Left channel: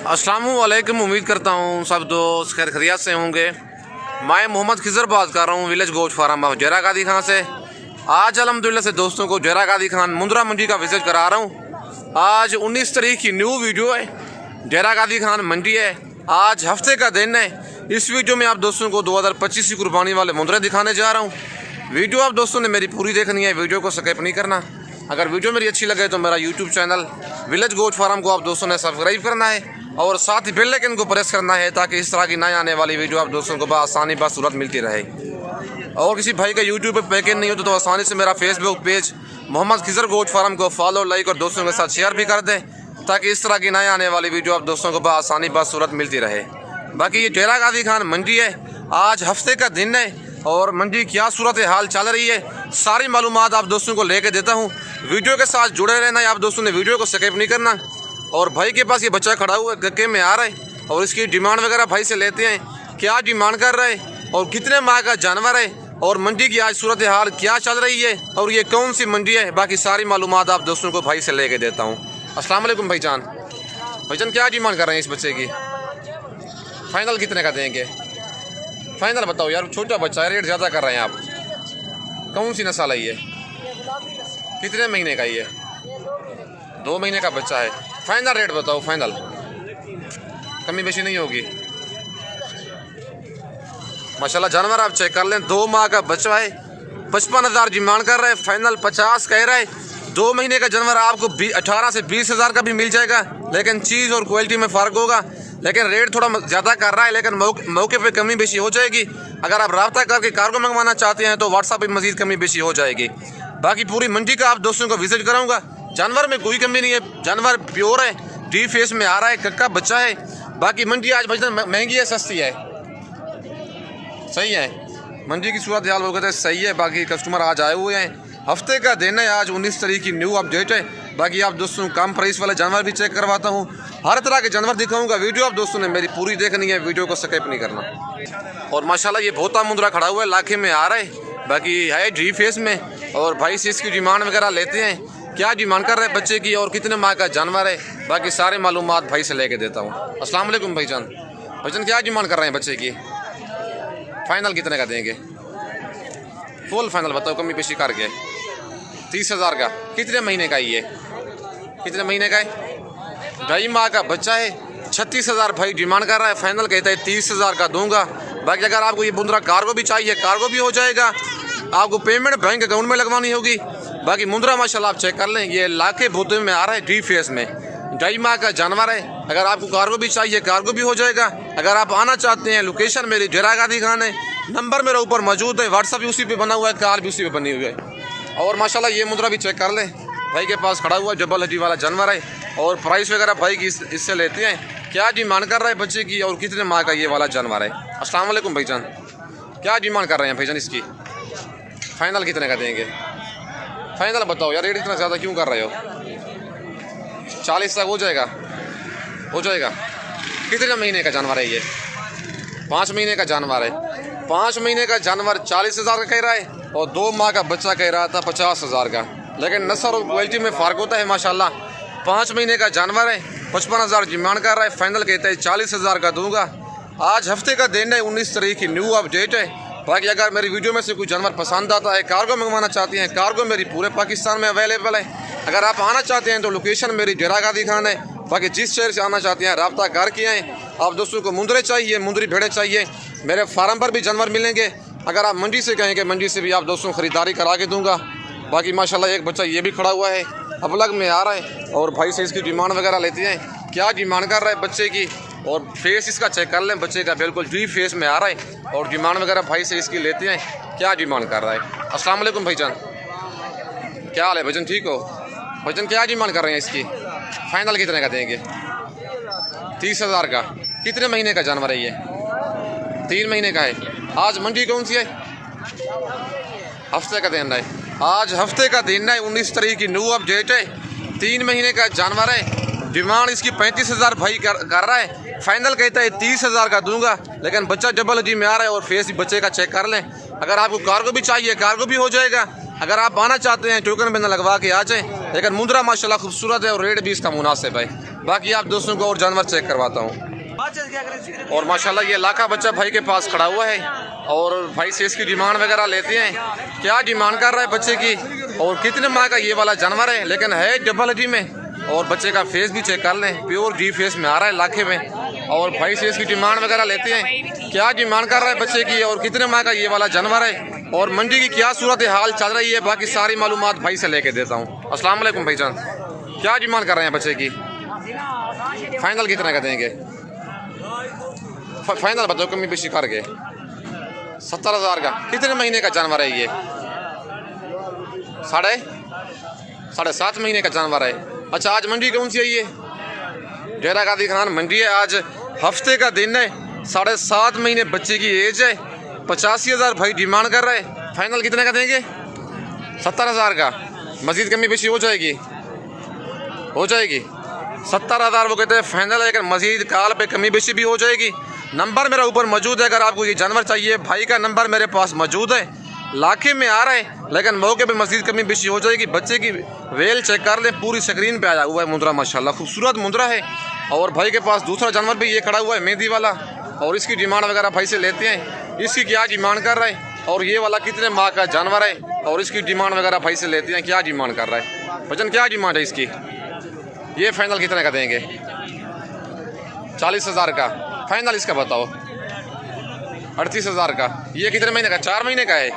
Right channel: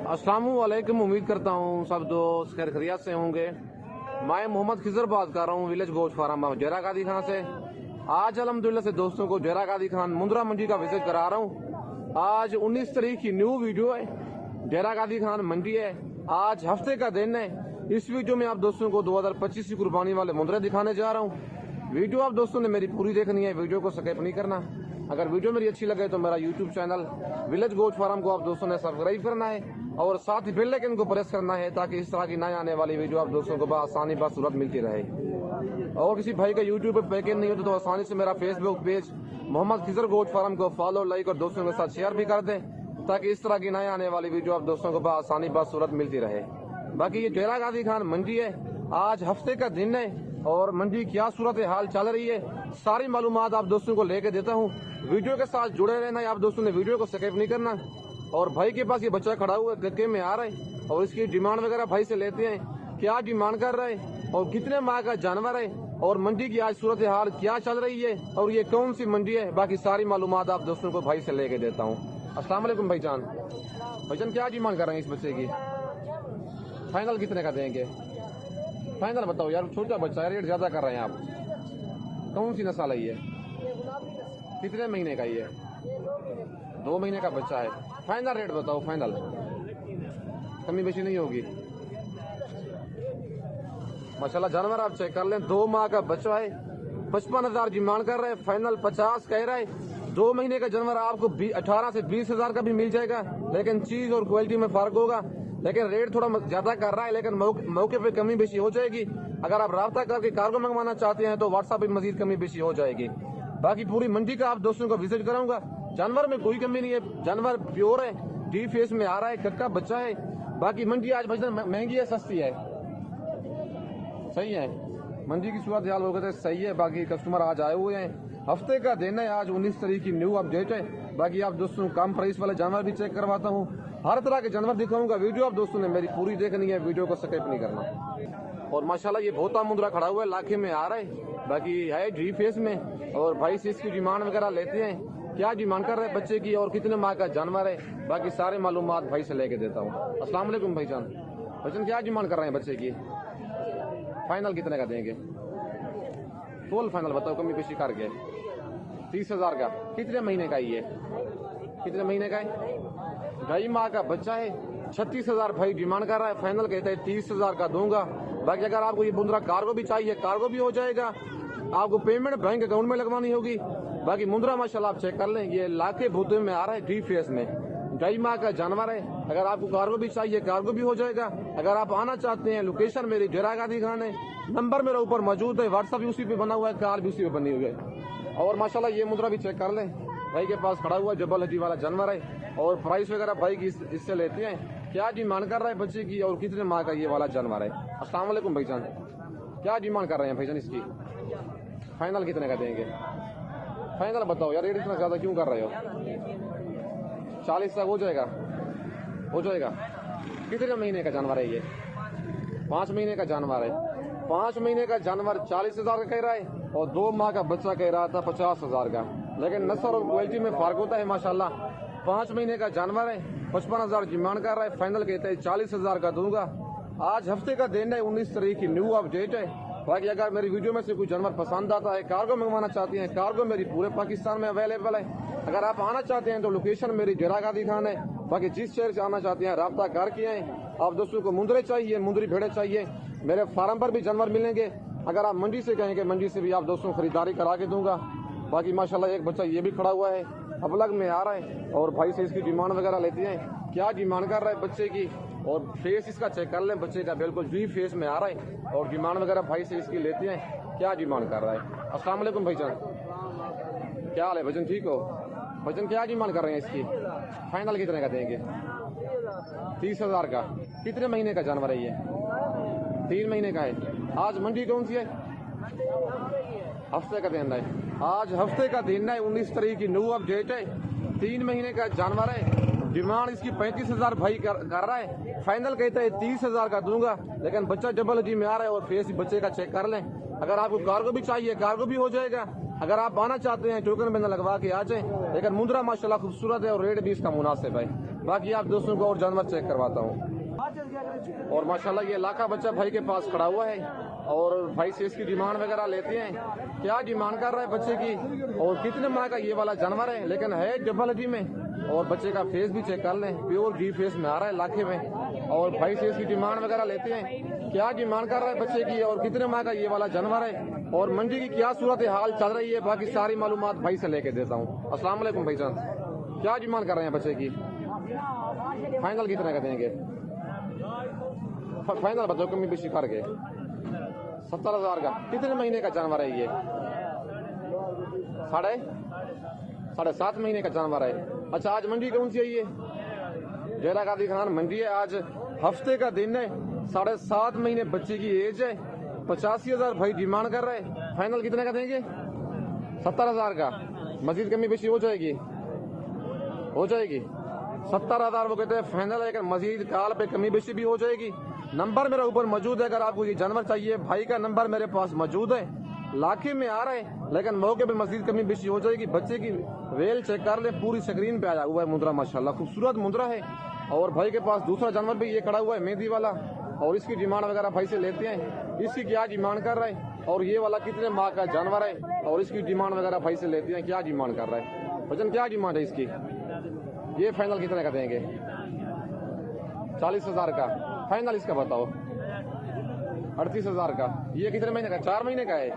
अस्सलामुअलैकुम। उम्मीद करता हूँ सब दोस्त खैर खैरियत से होंगे। मैं मोहम्मद खिजर बात कर रहा हूँ विलेज गोश्त फार्म ऑफ जैरा कादी खान से। आज अल्हम्दुलिल्लाह से दोस्तों को जैरा कादी खान मुंद्रा मंडी का विजिट करा रहा हूँ। आज 19 तारीख की न्यू वीडियो है। जैरा कादी खान मंडी है, आज हफ्ते का दिन है। इस वीडियो में आप दोस्तों को 2025 की कुर्बानी वाले मुंद्रे दिखाने जा रहा हूँ। वीडियो आप दोस्तों ने मेरी पूरी देखनी है, वीडियो को स्किप नहीं करना। अगर वीडियो मेरी अच्छी लगे तो मेरा यूट्यूब चैनल विलेज गोश्त फार्म को आप दोस्तों ने सब्सक्राइब करना है और साथ ही बेल आइकन को प्रेस करना है ताकि इस तरह की नई आने वाली वीडियो आप दोस्तों को आसानी बासूरत मिलती रहे। और किसी भाई का यूट्यूब पे पैकेज नहीं होता तो आसानी से मेरा फेसबुक पेज मोहम्मद खिजर गोश्त फार्म को फॉलो, लाइक और दोस्तों के साथ शेयर भी कर दें ताकि इस तरह की नई आने वाली वीडियो आप दोस्तों को आसानी बासूरत मिलती रहे। बाकी ये जैरा कादी खान मंडी है, आज हफ्ते का दिन है और मंडी क्या सूरत हाल चल रही है सारी मालूमात आप दोस्तों को लेके देता हूँ। वीडियो के साथ जुड़े रहना है, आप दोस्तों ने वीडियो को स्किप नहीं करना। और भाई के पास ये बच्चा खड़ा हुआ है, गक्के में आ रहा है और इसकी डिमांड वगैरह भाई से लेते हैं, क्या डिमांड कर रहा है और कितने माह का जानवर है और मंडी की आज सूरत हाल क्या चल रही है और ये कौन सी मंडी है, बाकी सारी मालूमात आप दोस्तों को भाई से लेके देता हूँ। अस्सलाम वालेकुम भाईजान। भाईजान क्या डिमांड कर रहे हैं इस बच्चे की? फाइनल कितने का देंगे? फाइनल बताओ यार, छोटा बच्चा है, रेट ज़्यादा कर रहे हैं आप। कौन सी नस्ल है ये? कितने महीने का ये? 2 महीने का बच्चा है। फाइनल रेट बताओ, फाइनल कमी बेशी नहीं होगी? माशाल्लाह जानवर आप चेक कर लें, 2 माह का बच्चा है, 55,000 डिमांड कर रहा है, फाइनल 50 कह रहा है। 2 महीने का जानवर आपको 18 से 20,000 का भी मिल जाएगा, लेकिन चीज़ और क्वालिटी में फ़र्क होगा। लेकिन रेट थोड़ा ज़्यादा कर रहा है, लेकिन मौके पे कमी बेशी हो जाएगी। अगर आप रब्ता करके कार्गो मंगवाना चाहते हैं तो व्हाट्सएप पे मज़ीद कमी बेशी हो जाएगी। बाकी पूरी मंडी का आप दोस्तों को विजिट कराऊंगा। जानवर में कोई कमी नहीं है, जानवर प्योर है, डी फेस में आ रहा है, कक्का बच्चा है। बाकी मंडी आज भाई महंगी है सस्ती है? सही है, मंडी की सूरत हाल वो कहते हैं सही है। बाकी कस्टमर आज आए हुए हैं, हफ्ते का दिन है, आज 19 तारीख की न्यू अपडेट है। बाकी आप दोस्तों कम प्राइस वाले जानवर भी चेक करवाता हूँ, हर तरह के जानवर दिखाऊंगा। वीडियो आप दोस्तों ने मेरी पूरी देखनी है, वीडियो को स्किप नहीं करना। और माशाल्लाह ये भोता मुंद्रा खड़ा हुआ है, लाखे में आ रहा है, बाकी है डी फेस में। और भाई से इसकी डिमांड वगैरह लेते हैं, क्या डिमांड कर रहे हैं बच्चे की और कितने माह का जानवर है, बाकी सारे मालूमात भाई से लेके देता हूँ। अस्सलाम वालेकुम भाईजान। भाईजान क्या डिमांड कर रहे हैं बच्चे की? फाइनल कितने का देंगे? फुल फाइनल बताओ, कमी पेशी करके 30,000 का। कितने महीने का ये? कितने महीने का है? 2.5 माह का बच्चा है, 36,000 भाई डिमांड कर रहा है, फाइनल कहता है 30,000 का दूंगा। बाकी अगर आपको ये मुंद्रा कार्गो भी चाहिए, कार्गो भी हो जाएगा, आपको पेमेंट बैंक अकाउंट में लगवानी होगी। बाकी मुंद्रा माशाल्लाह आप चेक कर लें, ये लाखे भूते में आ रहा है, डी फेस में, 2.5 माह का जानवर है। अगर आपको कार्गो भी चाहिए, कार्गो भी हो जाएगा। अगर आप आना चाहते हैं, लोकेशन मेरी जैरा कादी खान है, नंबर मेरा ऊपर मौजूद है, व्हाट्सअप भी उसी पे बना हुआ है, कार भी उसी पे बनी हुई है। और माशाल्लाह ये मुंद्रा भी चेक कर लें, भाई के पास खड़ा हुआ जबल हड्डी वाला जानवर है। और प्राइस वगैरह भाई की इससे लेते हैं, क्या डिमांड कर रहा है बच्चे की और कितने माह का ये वाला जानवर है। अस्सलाम वालेकुम भाईजान, क्या डिमांड कर रहे हैं भाईजान इसकी? फाइनल कितने का देंगे? फाइनल बताओ यार, रेट इतना ज़्यादा क्यों कर रहे हो? 40 तक हो जाएगा? हो जाएगा। कितने महीने का जानवर है ये? 5 महीने का जानवर है। 5 महीने का जानवर 40,000 का कह रहा है और 2 माह का बच्चा कह रहा था 50,000 का, लेकिन नस्ल और क्वालिटी में फ़र्क होता है माशाल्लाह। 5 महीने का जानवर है, 55,000 डिमांड कर रहा है, फाइनल कहता है 40,000 का दूंगा। आज हफ्ते का दिन है, 19 तारीख की न्यू अपडेट है। बाकी अगर मेरी वीडियो में से कोई जानवर पसंद आता है, कार्गो मंगवाना चाहते हैं, कार्गो मेरी पूरे पाकिस्तान में अवेलेबल है। अगर आप आना चाहते हैं तो लोकेशन मेरी जैरा कादी खान है। बाकी जिस शहर से आना चाहते हैं रब्ता करके आएँ। आप दोस्तों को मुंद्रे चाहिए, मुंद्री भेड़े चाहिए, मेरे फार्म पर भी जानवर मिलेंगे। अगर आप मंडी से कहेंगे, मंडी से भी आप दोस्तों ख़रीदारी करा के दूँगा। बाकी माशाल्लाह एक बच्चा ये भी खड़ा हुआ है, अपलग में आ रहा है और भाई से इसकी डिमांड वगैरह लेते हैं, क्या डिमांड कर रहा है बच्चे की और फेस इसका चेक कर लें, बच्चे का बिल्कुल डी फेस में आ रहा है और डिमांड वगैरह भाई से इसकी लेते हैं, क्या डिमांड कर रहा है। अस्सलाम वालेकुम भाईजान, क्या हाल है भाईजान? ठीक हो भाईजान? क्या डिमांड कर रहे हैं इसकी? फाइनल कितने का देंगे? 30,000 का। कितने महीने का जानवर है ये? 3 महीने का है। आज मंडी कौन सी है? हफ्ते का दिन है, आज हफ्ते का दिन है, 19 तारीख की न्यू अपडेट है। 3 महीने का जानवर है, डिमांड इसकी 35,000 भाई कर रहा है, फाइनल कहता है 30,000 का दूंगा। लेकिन बच्चा डबल जी में आ रहा है और फेस बच्चे का चेक कर लें। अगर आपको कार्गो भी चाहिए, कार्गो भी हो जाएगा। अगर आप आना चाहते हैं टोकन में न लगवा के आ जाएँ, लेकिन मुंद्रा माशाल्लाह खूबसूरत है और रेट भी इसका मुनासिब है। बाकी आप दोस्तों को और जानवर चेक करवाता हूँ। और माशाल्लाह ये लाखा बच्चा भाई के पास खड़ा हुआ है और भाई से इसकी डिमांड वगैरह लेते हैं, क्या डिमांड कर रहा है बच्चे की और कितने माह का ये वाला जानवर है, लेकिन है डबल हड्डी में। और बच्चे का फेस भी चेक कर लें, प्योर डी फेस में आ रहा है लाखे में। और भाई से इसकी डिमांड वगैरह लेते हैं, क्या डिमांड कर रहा है बच्चे की और कितने माह का ये वाला जानवर है और मंडी की क्या सूरत हाल चल रही है, बाकी सारी मालूमात भाई से लेके देता हूँ। अस्सलाम वालेकुम भाईजान, क्या डिमांड कर रहे हैं बच्चे की? फाइनल कितने का देंगे? फाइनल बताओ, कमी बेशी करके 70,000 का। कितने महीने का जानवर है ये? साढ़े 7 महीने का जानवर है। अच्छा, आज मंडी कौन सी है ये? डेरा गाजी खान मंडी है। आज हफ्ते का दिन है, 7.5 महीने बच्चे की एज है। 85,000 भाई डिमांड कर रहे हैं। फाइनल कितने का देंगे? 70,000 का। मजीद कमी बेशी हो जाएगी? 70,000 वो कहते हैं फाइनल है, लेकिन मजीद काल पे कमी बेशी भी हो जाएगी। नंबर मेरा ऊपर मौजूद है, अगर आपको ये जानवर चाहिए भाई का नंबर मेरे पास मौजूद है। लाखे में आ रहा है, लेकिन मौके पे मजीद कमी बेशी हो जाएगी। बच्चे की वेल चेक कर ले, पूरी स्क्रीन पे आया हुआ है मुंद्रा, माशाल्लाह खूबसूरत मुंद्रा है। और भाई के पास दूसरा जानवर भी ये खड़ा हुआ है मेहंदी वाला, और इसकी डिमांड वगैरह भाई से लेते हैं। इसकी क्या डिमांड कर रहा है और ये वाला कितने माह का जानवर है और इसकी डिमांड वगैरह भाई से लेते हैं, क्या डिमांड कर रहा है। वजन क्या डिमांड है इसकी? ये फाइनल कितने का देंगे? 40,000 का। फाइनल इसका बताओ? 38,000 का। ये कितने महीने का? 4 महीने का है।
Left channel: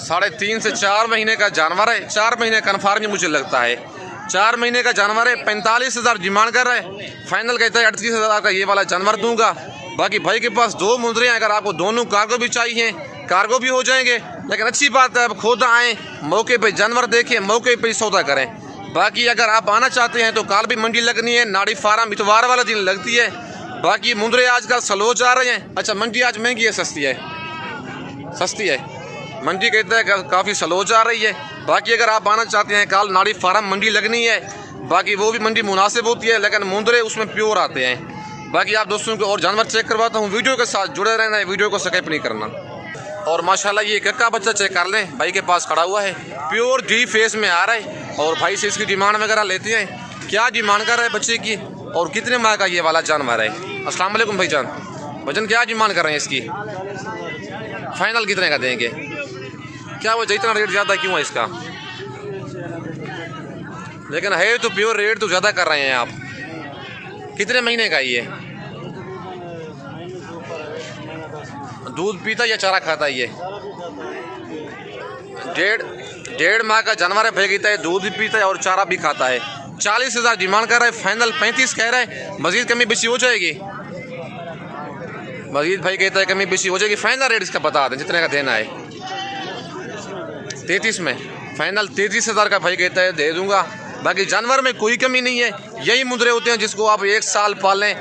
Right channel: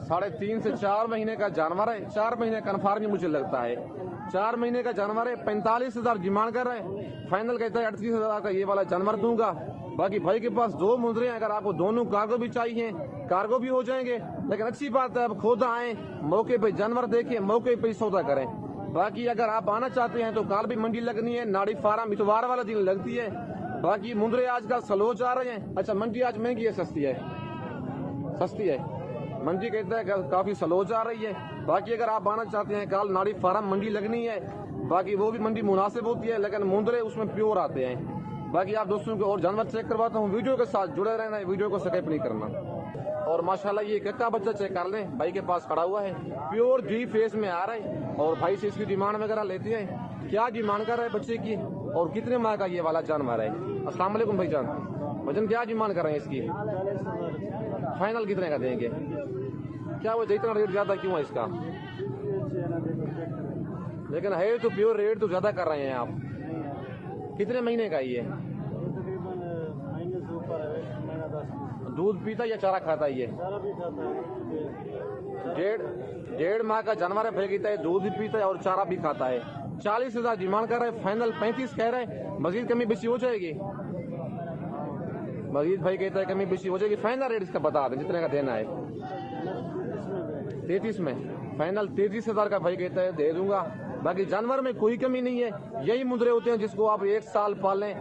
3.5 से 4 महीने का जानवर है। 4 महीने कन्फर्म मुझे लगता है 4 महीने का जानवर है। 45,000 डिमांड कर रहे हैं। फाइनल कहता है 38,000 का ये वाला जानवर दूंगा। बाकी भाई के पास 2 मुंद्रे हैं, अगर आपको दोनों कार्गो भी चाहिए कार्गो भी हो जाएंगे। लेकिन अच्छी बात है, अब खुद आएँ, मौके पे जानवर देखें, मौके पे सौदा करें। बाकी अगर आप आना चाहते हैं तो काल भी मंडी लगनी है, नाड़ी फार्म इतवार वाला दिन लगती है। बाकी मुंद्रे आजकल स्लो जा रहे हैं। अच्छा, मंडी आज महंगी है सस्ती है? सस्ती है मंडी, कहता है काफ़ी स्लो जा रही है। बाकी अगर आप आना चाहते हैं काल नाड़ी फार्म मंडी लगनी है, बाकी वो भी मंडी मुनासिब होती है, लेकिन मुंद्रे उसमें प्योर आते हैं। बाकी आप दोस्तों को और जानवर चेक करवाता हूँ, वीडियो के साथ जुड़े रहना है, वीडियो को स्किप नहीं करना। और माशाल्लाह ये कक्का बच्चा चेक कर लें, भाई के पास खड़ा हुआ है, प्योर डी फेस में आ रहा है। और भाई से इसकी डिमांड वगैरह लेते हैं, क्या डिमांड कर रहे हैं बच्चे की और कितने माह का ये वाला जानवर है। अस्सलाम वालेकुम भाईजान, वजन क्या डिमांड कर रहे हैं इसकी? फाइनल कितने का देंगे? क्या वजह इतना रेट ज़्यादा क्यों है इसका? लेकिन है तो प्योर, रेट तो ज़्यादा कर रहे हैं आप। कितने महीने का ये? दूध पीता या चारा खाता है ये? 1.5 माह का जानवर है। भाई कहता है दूध भी पीता है और चारा भी खाता है। 40,000 डिमांड कर रहा है। फाइनल 35 कह रहा है। मजीद कमी बेशी हो जाएगी? मजीद भाई कहता है कमी बेशी हो जाएगी। फाइनल रेट इसका बता दें जितने का देना है। 33 में फाइनल 33,000 का भाई कहता है, दे दूंगा। बाकी जानवर में कोई कमी नहीं है। यही मुंद्रे होते हैं जिसको आप 1 साल पालें,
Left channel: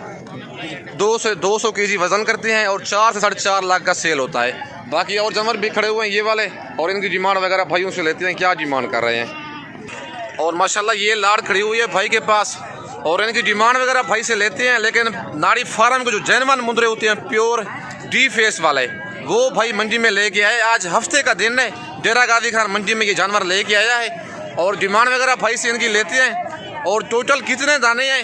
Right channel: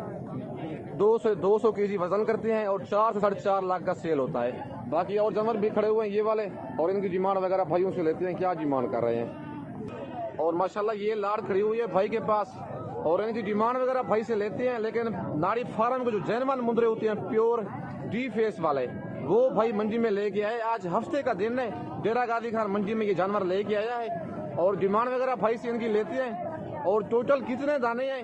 200 केजी वजन करते हैं और 4 से 4.5 लाख का सेल होता है। बाकी और जानवर भी खड़े हुए हैं ये वाले, और इनकी डिमांड वगैरह भाइयों से लेते हैं, क्या डिमांड कर रहे हैं। और माशाल्लाह ये लाड़ खड़ी हुई है भाई के पास, और इनकी डिमांड वगैरह भाई से लेते हैं। लेकिन नाड़ी फार्म के जो जैनवन मुंद्रे होते हैं प्योर डी फेस वाले, वो भाई मंडी में लेके आए। आज हफ्ते का दिन है, डेरा गाजी खान मंडी में ये जानवर लेके आया है। और डिमांड वगैरह भाई से इनकी लेते हैं। और टोटल कितने दाने हैं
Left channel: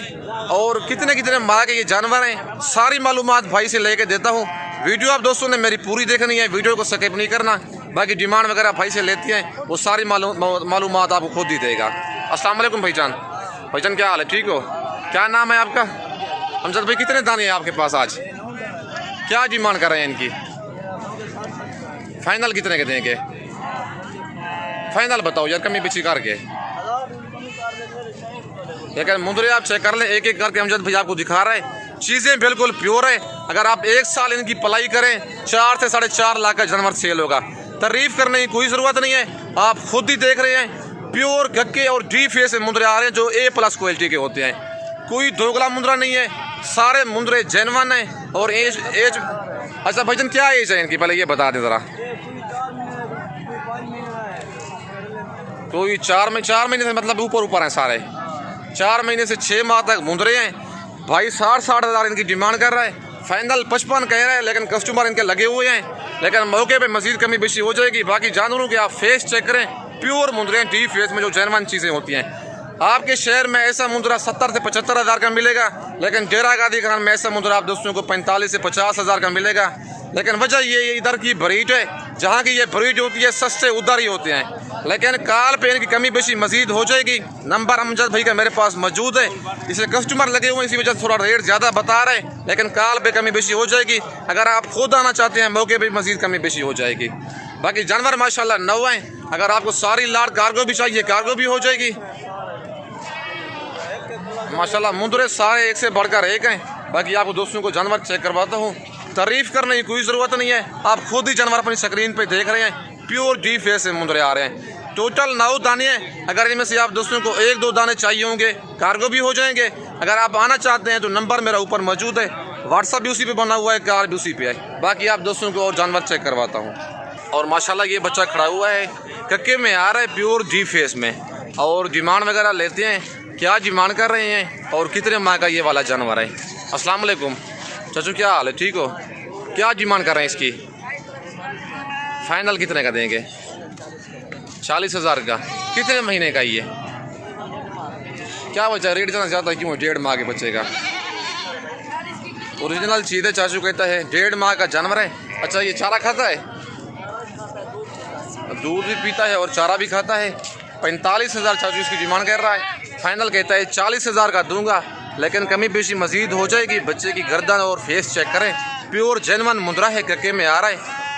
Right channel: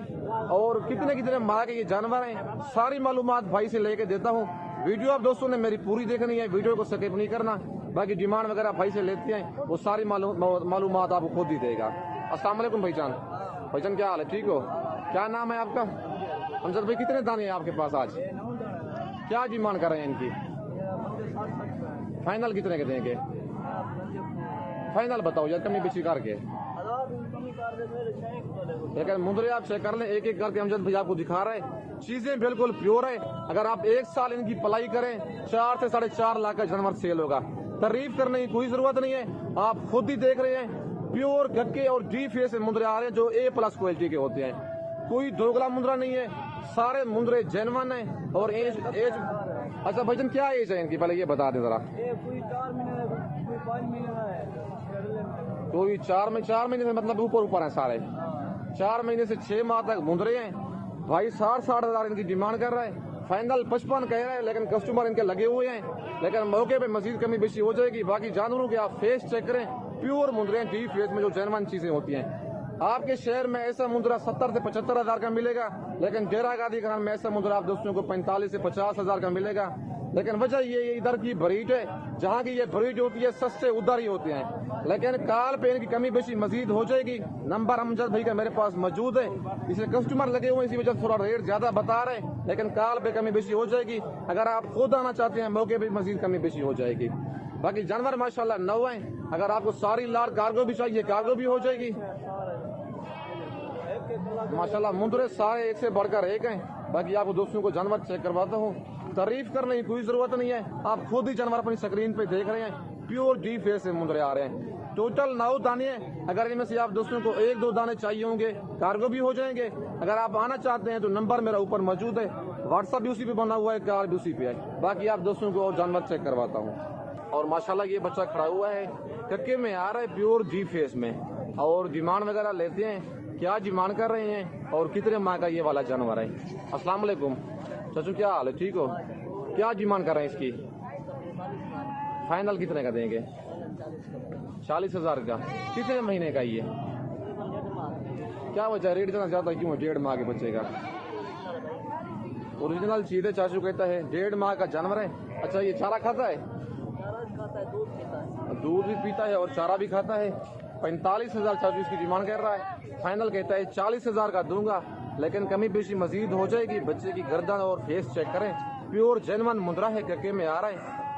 और कितने माह के ये जानवर हैं, सारी मालूमात भाई से लेके देता हूँ। वीडियो आप दोस्तों ने मेरी पूरी देखनी है, वीडियो को स्किप नहीं करना। बाकी डिमांड वगैरह भाई से लेते हैं, वो सारी मालूमात आपको खुद ही देगा। अस्सलाम वालेकुम भाईजान, भाईजान क्या हाल है? ठीक हो? क्या नाम है आपका? अमजद भाई, कितने दाने हैं आपके पास आज? क्या डिमांड कर रहे हैं इनकी? फाइनल कितने के देंगे? फाइनल बताओ यार, कमी बेची करके। लेकिन मुंद्रे आप चेक कर लें, एक एक करके अमजद भाई आपको दिखा रहे हैं। चीज़ें बिल्कुल प्योर है। अगर आप 1 साल इनकी पलाई करें, 4 से 4.5 लाख का जानवर सेल होगा। तारीफ करने की कोई ज़रूरत नहीं है, आप खुद ही देख रहे हैं। प्योर गक्के और डी फेस से मुंद्रे आ रहे हैं जो A+ क्वालिटी के होते हैं। कोई दोगला मुंद्रा नहीं है, सारे मुंद्रे जेनवन हैं। और एज अच्छा भाईजान क्या एज है इनकी, पहले ये बता दें ज़रा। कोई 4 महीने से मतलब ऊपर हैं सारे। 4 महीने से 6 माह तक मुंद्रे हैं। भाई 60,000 इनकी डिमांड कर रहा है। फाइनल 55 कह रहे हैं, लेकिन कस्टमर इनके लगे हुए हैं, लेकिन मौके पे मजीद कमी बेशी हो जाएगी। बाकी जानवरों के आप फेस चेक करें, प्योर मुंदरे डी फेस में जो जेनवन चीज़ें होती हैं। आपके शहर में ऐसा मुंदरा 70 से 75 हज़ार का मिलेगा, लेकिन डेरा गादी खान में ऐसा मुंदरा आप दोस्तों को 45 से 50 हज़ार का मिलेगा। लेकिन वजह ये इधर की ब्रीड है, जहाँ की ये ब्रीड होती है सस्ते उधर ही होते हैं, लेकिन काल पे इनकी कमी बेशी मजीद हो जाएगी। नंबर अमजद भाई का मेरे पास मौजूद है, इसे कस्टमर लगे हुए हैं, इसी वजह से थोड़ा रेट ज़्यादा बता रहे हैं, लेकिन काल पे कमी बेशी हो जाएगी। अगर आप खुद आना चाहते हैं मौके पे मजीद कमी बेशी हो जाएगी। बाकी जानवर माशाल्लाह 9 हैं, अगर आपको सारी लाट कार्गो भी चाहिए कार्गो भी हो जाएगी। माशाल्लाह मुंदरे सारे एक से बढ़कर एक हैं। बाकी आपको दोस्तों को जानवर चेक करवाता हूँ, तारीफ करने की कोई ज़रूरत नहीं है, आप खुद ही जानवर अपनी स्क्रीन पे देख रहे हैं। प्योर डी फेस से मुंदरे आ रहे हैं। टोटल 9 दाने हैं, अगर इनमें से आप दोस्तों को 1-2 दाने चाहिए होंगे कार्गो भी हो जाएंगे। अगर आप आना चाहते हैं तो नंबर मेरा ऊपर मौजूद है, व्हाट्सअप भी उसी पे बना हुआ है, कार भी उसी पे है। बाकी आप दोस्तों को और जानवर चेक करवाता हूँ। और माशाल्लाह ये बच्चा खड़ा हुआ है, कक्के में आ रहा है प्योर डी फेस में। और डिमांड वगैरह लेते हैं, क्या डिमांड कर रहे हैं और कितने माह का ये वाला जानवर है। अस्सलाम वालेकुम चाचू, क्या हाल है, ठीक हो? क्या डिमांड कर रहे हैं इसकी? फाइनल कितने का देंगे? 40 हज़ार का। कितने महीने का ये? क्या वजह रेट इतना ज़्यादा क्यों है 1.5 माह के बच्चे का? ओरिजिनल चीज़ है, चाचू कहता है 1.5 माह का जानवर है। अच्छा ये चारा खाता है? दूध भी पीता है और चारा भी खाता है। 45 हज़ार चाचू इसकी डिमांड कर रहा है, फाइनल कहता है 40 हज़ार का दूंगा, लेकिन कमी पेशी मजीद हो जाएगी। बच्चे की गर्दन और फेस चेक करें, प्योर जेनवन मुंदरा है, कक्के में आ रहा है।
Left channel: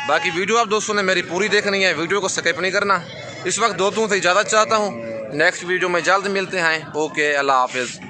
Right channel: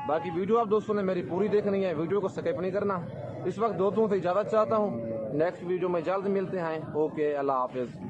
बाकी वीडियो आप दोस्तों ने मेरी पूरी देखनी है, वीडियो को स्किप नहीं करना। इस वक्त दोस्तों से इजाज़त चाहता हूँ, नेक्स्ट वीडियो में जल्द मिलते हैं। ओके, अल्लाह हाफिज़।